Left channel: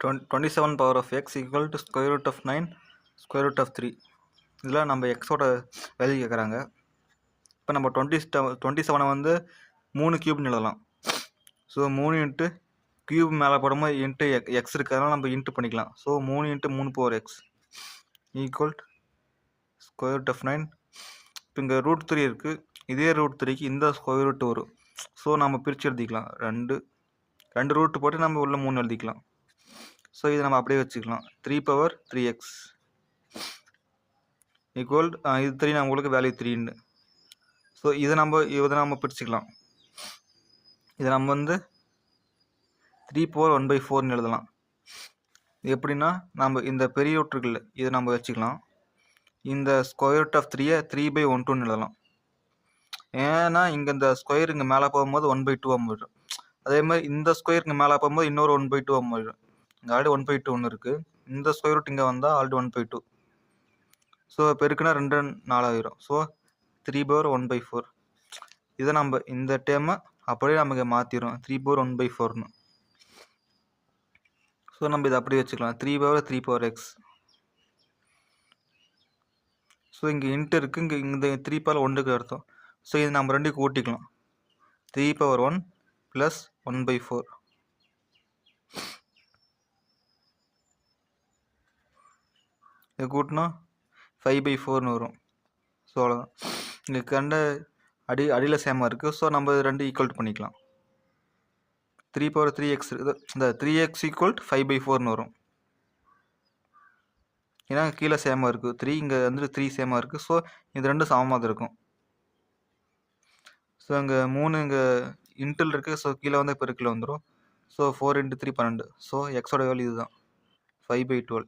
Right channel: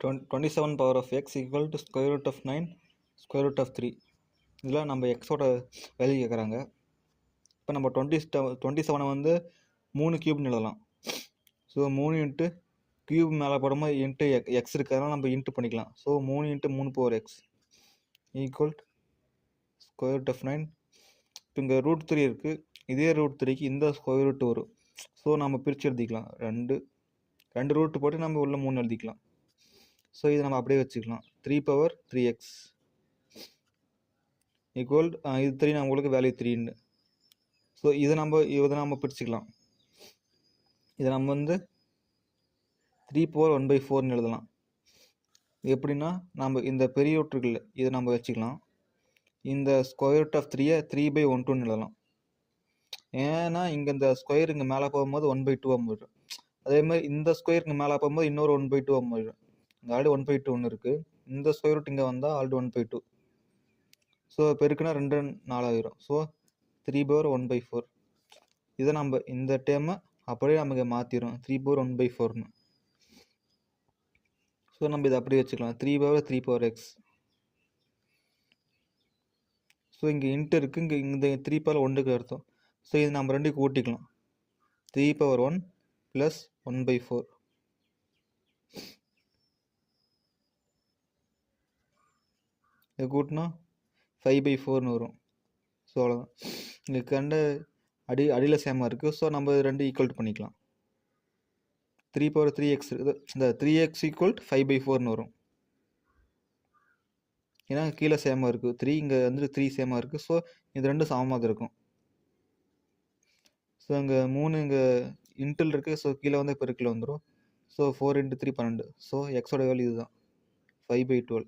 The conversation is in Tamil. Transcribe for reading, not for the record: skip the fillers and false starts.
27 power of x equal to square root of 9 square root of 3. இதில் நம்ம எக்ஸோட வேல்யூ கேட்குறாங்க. இப்போ நம்ம 27 வந்து 3 கியூப்னு எழுதலாம். ஸோ 3 இன்ட்டு கியூப் மேலே போடும்போது இன்ட்டு எக்ஸ் இருக்கிறதுனால நம்ம இன்ட்டு பண்ணிக்கலாம். So 3 into 3 power X equal square root of 9. இப்போ இங்கே ரூட் 3 இருக்குது. இதே ரூட் 3க்கு இந்த ஸ்கொயர் ரூட் வரும். ஸோ நம்ம பிரித்து எழுதிக்கலாம். ரெண்டு ரூட் போட்டு நம்ம உள்ள 3 எழுதிக்கலாம். ஸோ இதை நம்ம அப்படியே வச்சுக்கலாம். 3 பவர் 3x ஈக்குவல் இது 3 நம்மளுக்கு வேல்யூ 3ன்னு. ஸோ இதை நம்ம பிரிச்சுக்கலாம். இதை நம்ம வந்து 3 பவர் 1/4ன்னு எழுதலாம். எப்படின்னா நம்ம இந்த பெரிய ரூட் இருக்குல்ல இதை நம்ம வச்சுக்கலாம். இந்த ஸ்கொயர் ரூட் ஆஃப் 3யை 3/12ன்னு எழுதலாம். ஏன்னா இங்கே இந்த ஸ்கொயர் இங்கே மேலே போகும்போது 1/2 போயிடும். அதே மாதிரி இந்த ஸ்கொயர் இங்கே மேலே போகும்போது இன்னொரு 1/2 போயிடும். இங்கே ஆல்ரெடி 1/2 ஒன்று இருக்குது. இந்த ஸ்கொயர் ரூட் இங்கே வந்தால் ஆல்ரெடி 1/2. ஸோ பெருக்குனா 2 4 ஆகிரும். ஸோ 3/1/4. இதை நம்ம இந்த டேர்மை அப்படியே நமக்கு மாற்றிடும் 3/1/4ன்னு. ஸோ நம்ம இதை அப்படியே வச்சுக்கலாம். 3/3 x. ஸோ இங்கே இன்ட்டு இருக்குது. இங்கே இந்த 3 பவர் 1க்கு அர்த்தம். ஸோ இது நம்ம ரெண்டுக்கு கூட்டிக்கலாம். 3/1 + 1/4. இது கூட்டினா 5/4ன்னு வரும். ஸோ அவ்வளோதான். இங்கே கண்ட அடியில் சேமாக இருக்குது. ஸோ நம்ம ரெண்டு ஈக்குவல் பண்ணிக்கலாம். 3/3x இந்த 3x = 5/4ன்னு வரும். ஏன்னா கீழே சேமாக இருக்குது. 3 இங்கே வந்து 3 சேமாக இருக்குது. ஸோ இது ரெண்டும் சமமாக தான் இருக்கும். ஸோ இங்கே 3 இங்கே இன்டல் இருக்குது. ஸோ கீழே வந்து பெருக்கில் வந்துடும். ஸோ 4 × 3 12. ஸோ எக்ஸோட வேல்யூ இதுதான் 5/12.